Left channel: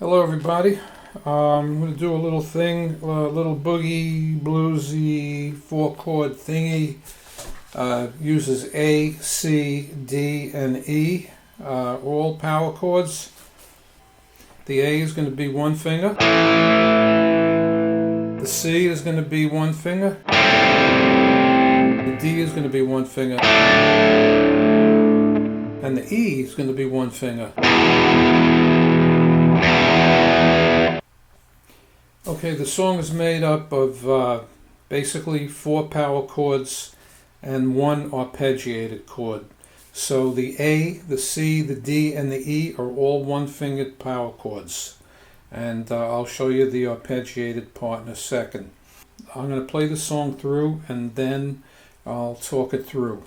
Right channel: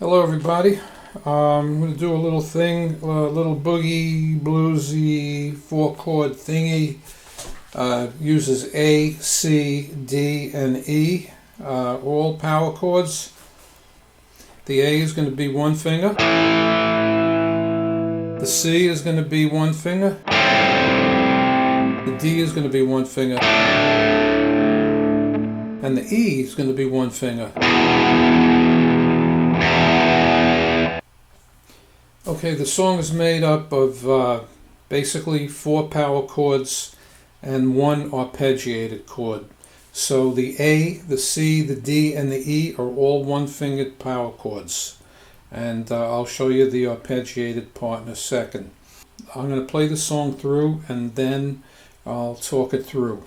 Hello everybody. I'm going to do a little thing, a little boogie, bluesy, 4-chord thingy. Uses A, C, D, and E, all power chords. The A is going to be one finger. The C is going to be one finger. The D is going to be one finger. And the E is going to be one finger. Okay, the song is made up of basically 4 power chords and 1 arpeggiated chord. So the A, the C, the D, and the E are all 1-fingered power chords. And I'll show you the arpeggiated part in a second. I'm going to play the song through and then I'll talk it through.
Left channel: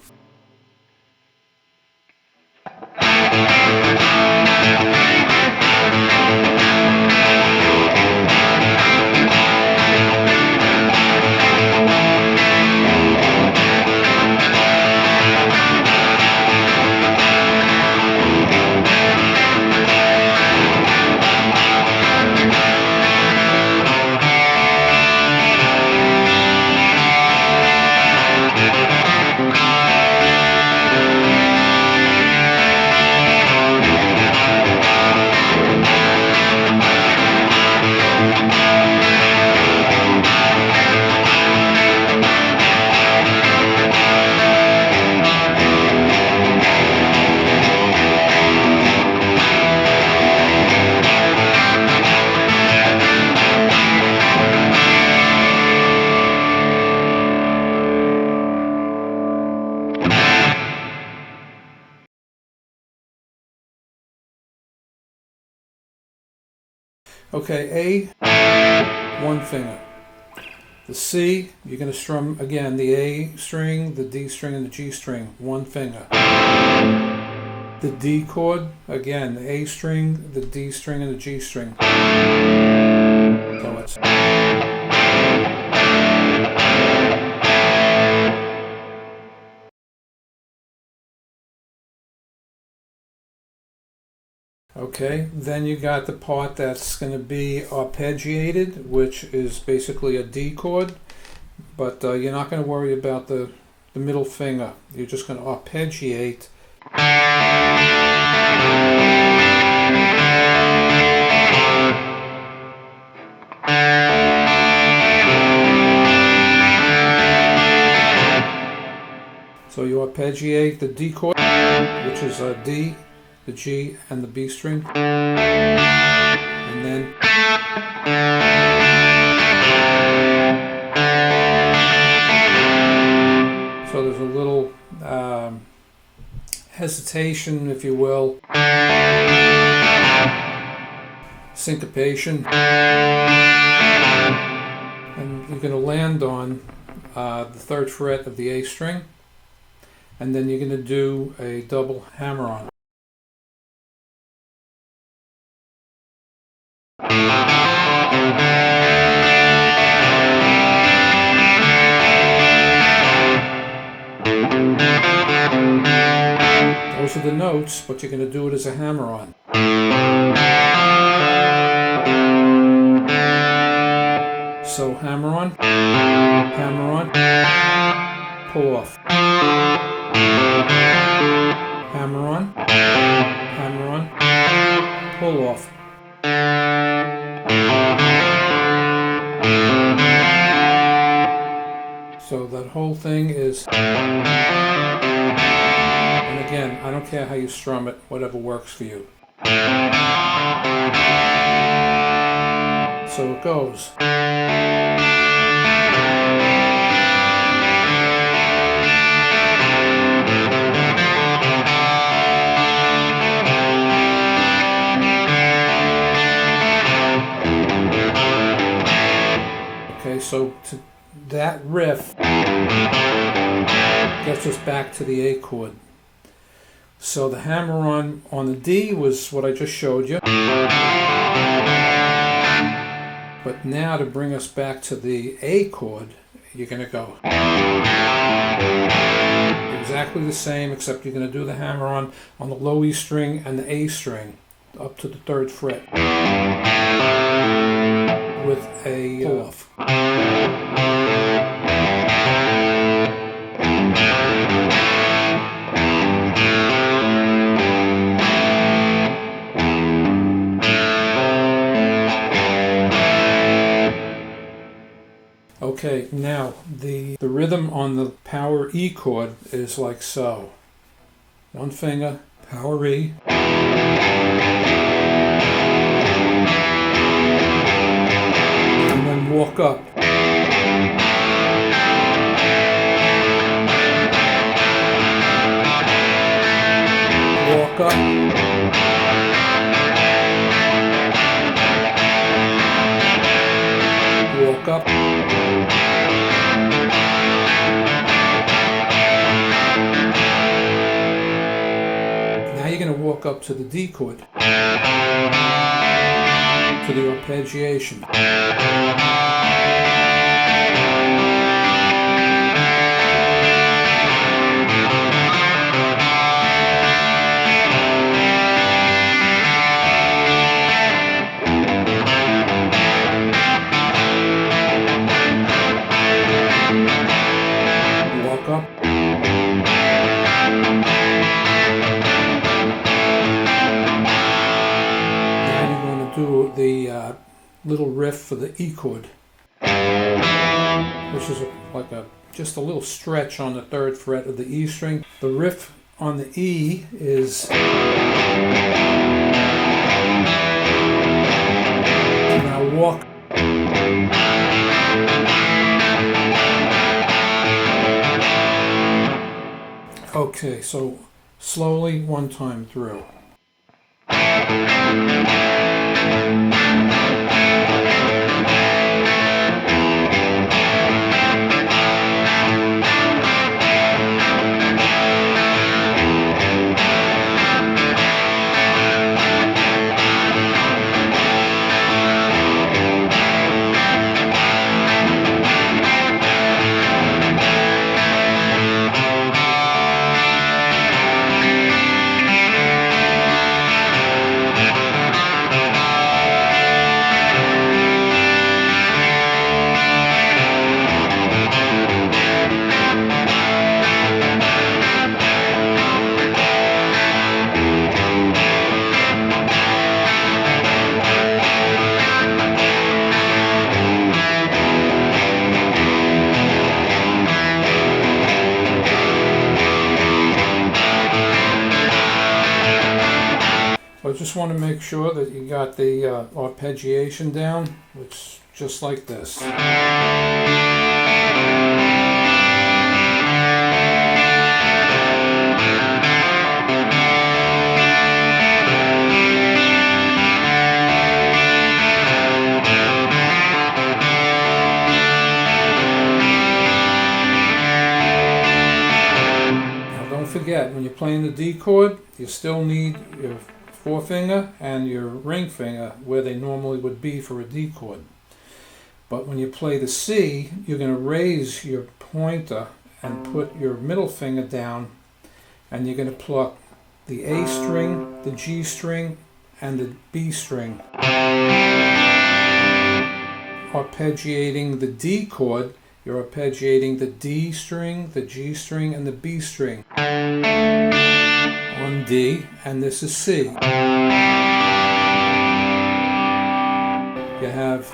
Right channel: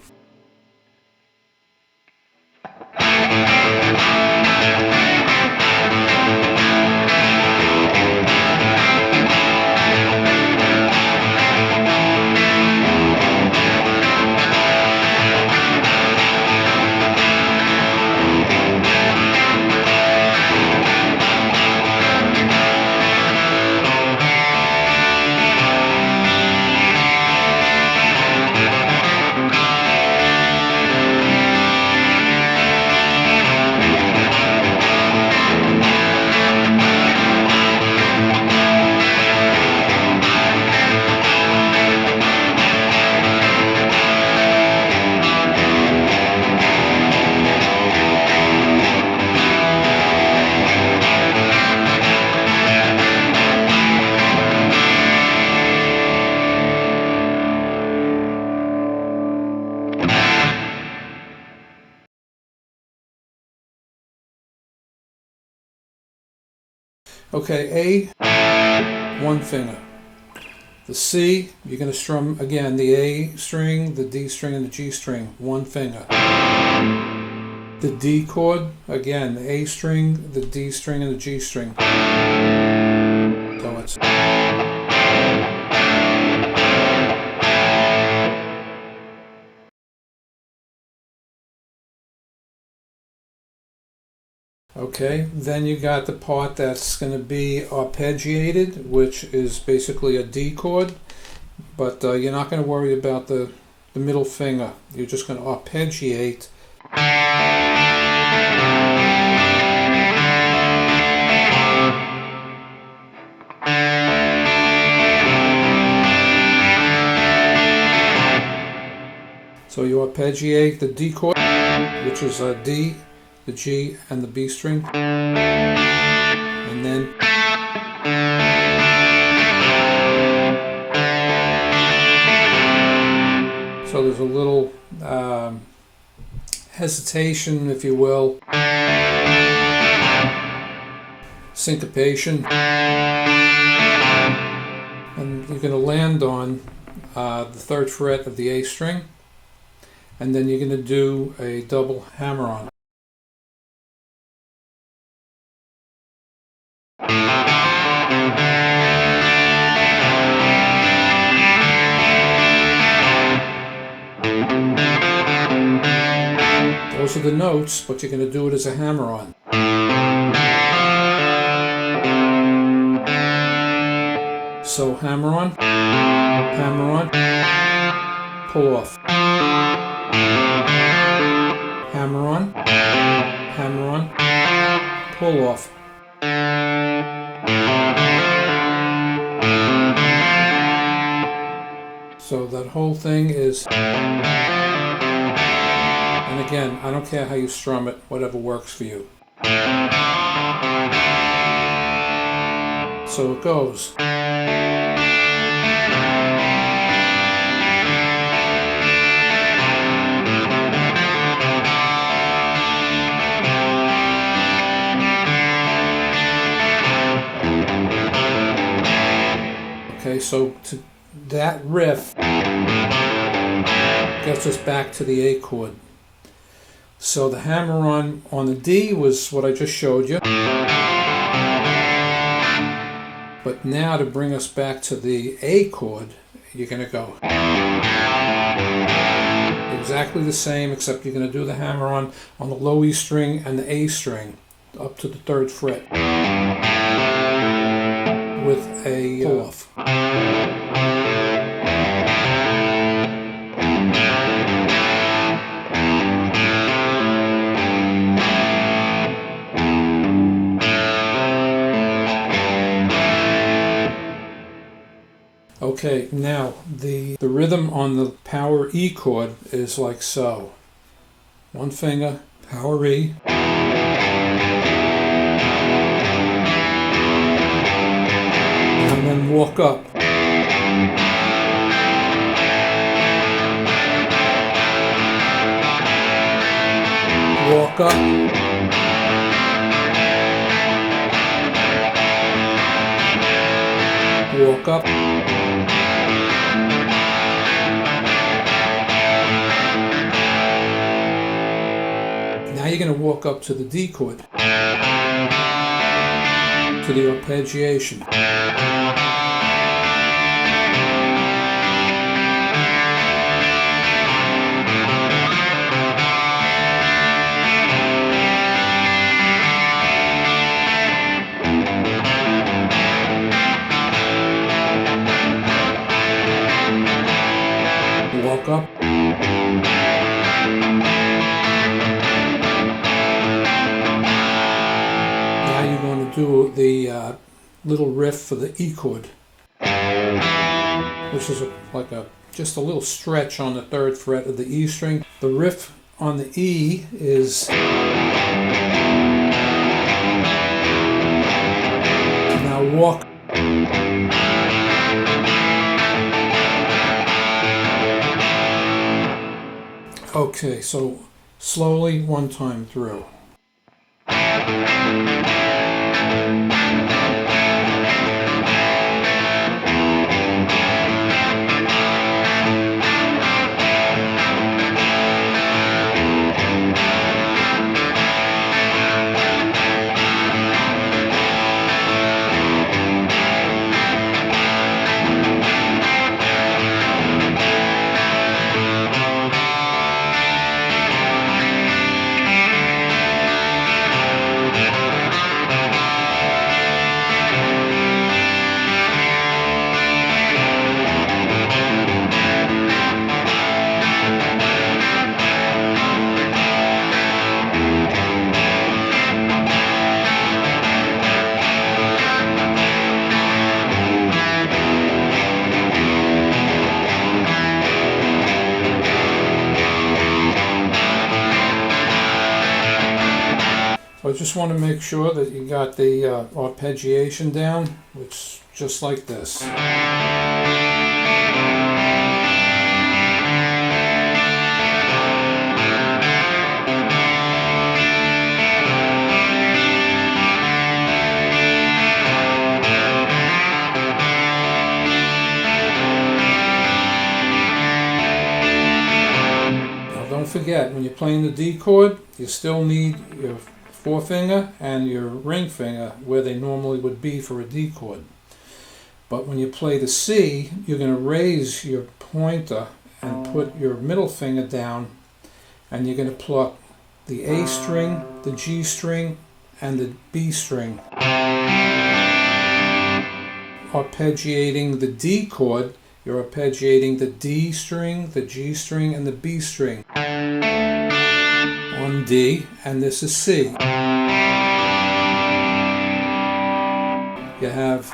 Okay, A, 1 finger. The C, you're going to strum again the A string, the D string, and the G string, 1 finger. The D chord, again, the A string, the D string, and the G string. So it's... Okay, then you got the part that's going to be arpeggiated, which is basically a D chord, but you're not going to worry about the middle finger. You're just going to arpeggiate. So you arpeggiate the D chord, which is a D, the G, and the B string, and then so there's a little hesitation, if you will, syncopation, and you're going to land on the 3rd fret of the A string, and then you're going to do a double hammer-on. Those are the notes, but you're going to do it as a hammer-on. So hammer-on, hammer-on, pull off. Hammer-on, hammer-on, pull off. So that whole thing is, and again, I don't care how you strum it, whatever works for you. So it goes. Okay, so to that riff gets us back to the A chord. So the hammer-on the D was what I just showed you. But now to bring us back to the A chord, you're going to go exactly the same, except you're going to do the hammer-on the low E string and the A string up to the 3rd fret. with a pull-off. Okay, now the rhythm on the power E chord is like so. One finger, power E. And then walk up. Walk up. Walk up. Now you're going to walk up to the D chord, to the arpeggiation. Walk up. Now you're going to do the little riff for the E chord, which is just a little stretch on the 3rd fret of the E string. The riff on the E is now walk. Okay, so slowly one time through. So I just want to make sure that you got the arpeggiation down, which just like this. Now don't forget, when you're playing the D chord, you still need your forefinger and your ring finger where they normally would be for a D chord. But when you play the C, you're going to raise your pointer and put your middle finger down, and you're going to pluck the A string, the G string, and the B string. Arpeggiating the D chord, you're arpeggiating the D string, the G string, and the B string on D, and this is C. You have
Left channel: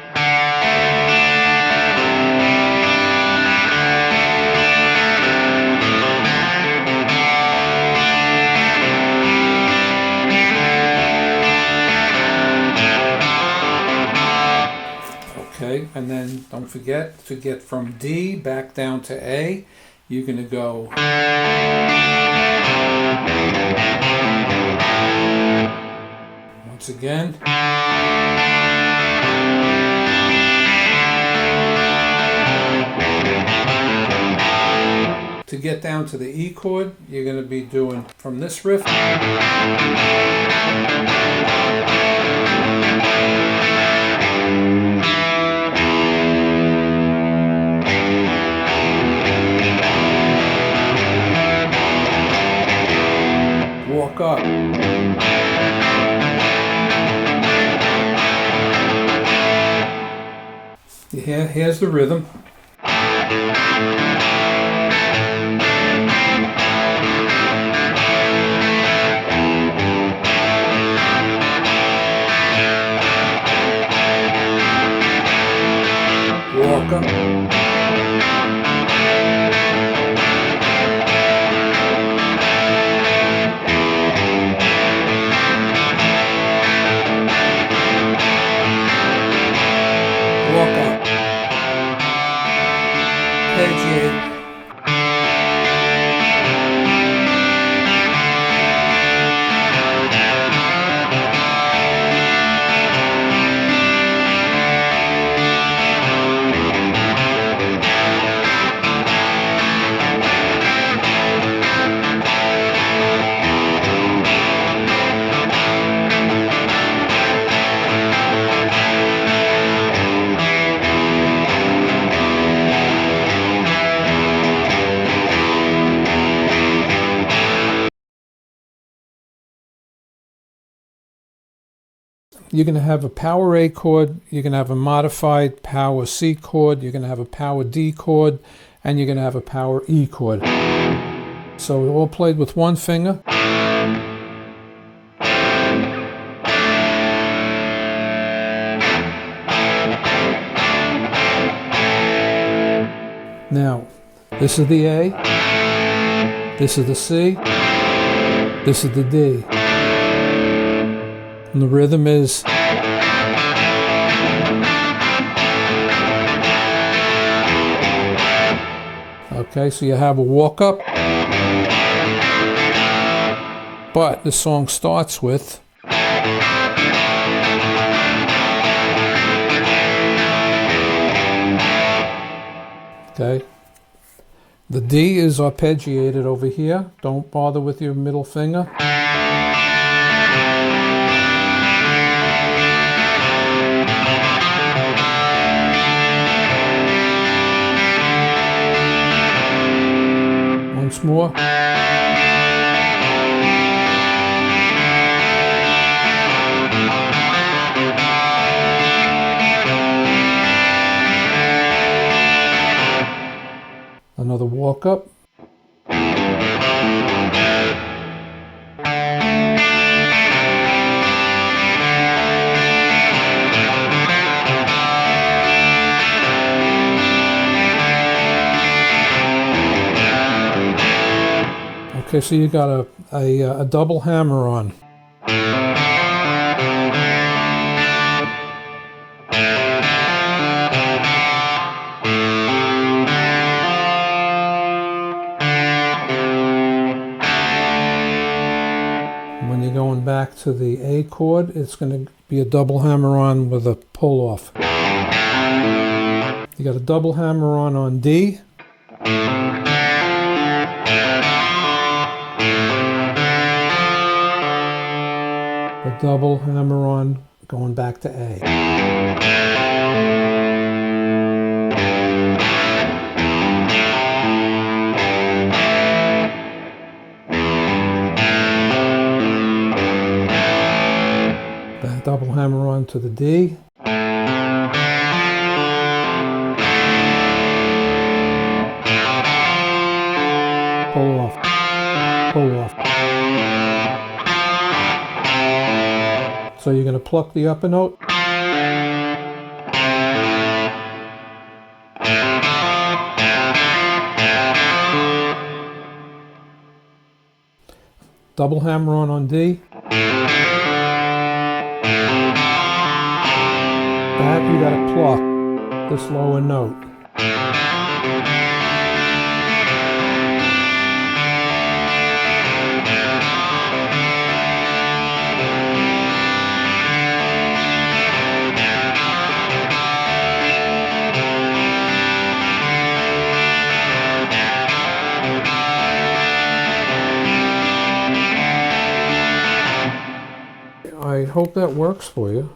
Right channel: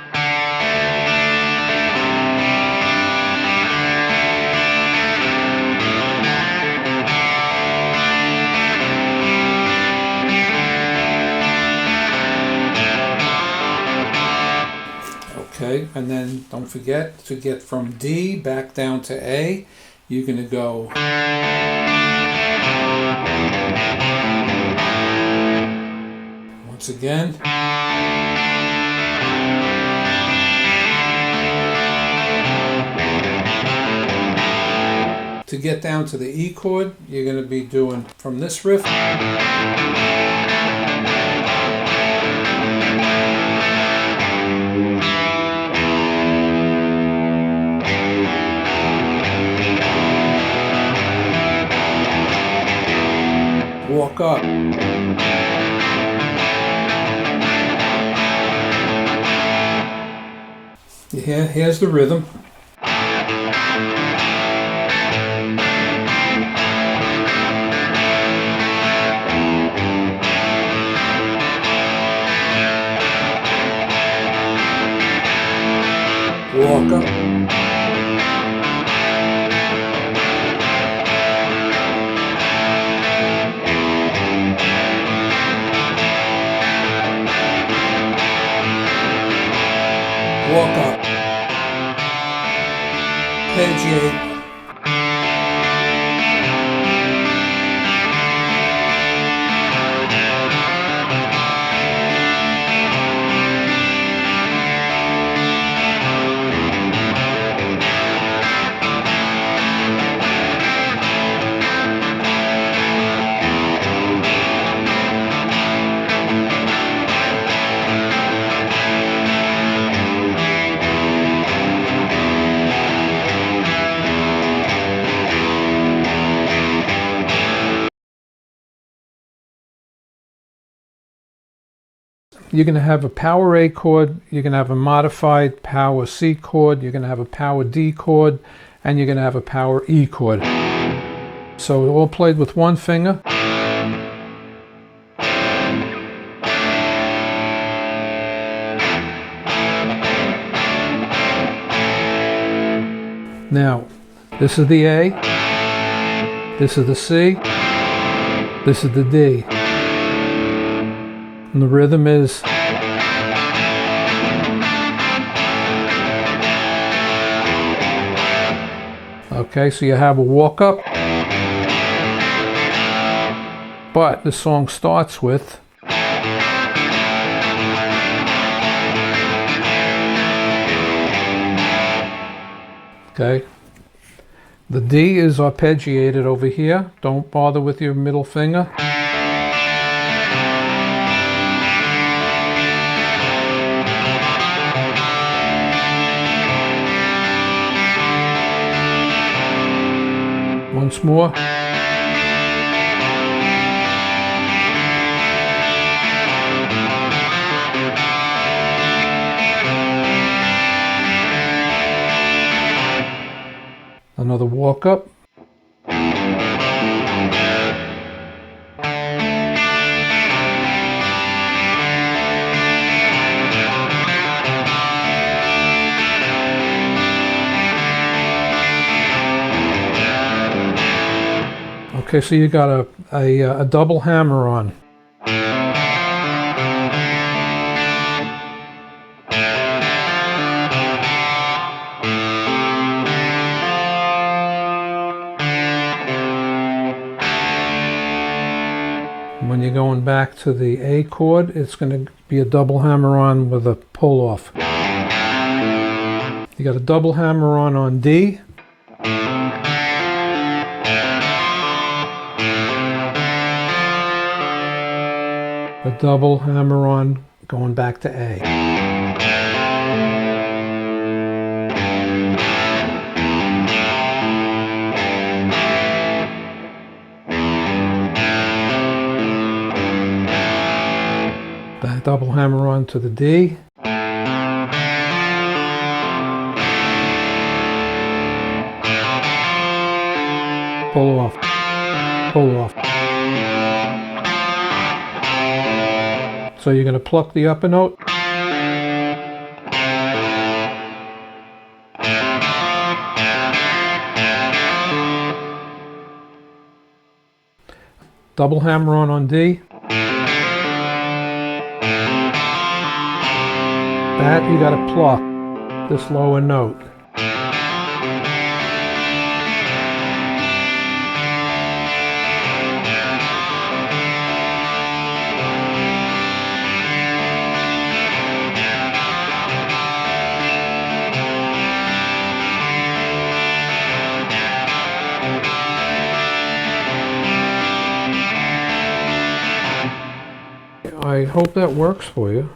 okay, and then don't forget to get from D back down to A, you're going to go once again. To get down to the E chord, you're going to be doing from this riff. Walk up. Here's the rhythm. Walk up. Walk up. Arpeggiate. You're going to have a power A chord, you're going to have a modified power C chord, you're going to have a power D chord, and you're going to have a power E chord. So all played with one finger. Now, this is the A, this is the C, this is the D. And the rhythm is okay, so you have a walk up, but the song starts with okay. The D is arpeggiated over here. Don't bother with your middle finger. Once more. Another walk up. Okay, so you got a double hammer on. When you're going back to the A chord, it's going to be a double hammer on with a pull off. You got a double hammer on D. A double hammer on going back to A. That double hammer on to the D. Pull off, pull off. So you're going to pluck the upper note. Double hammer on D. That you got to pluck this lower note. I hope that works for you.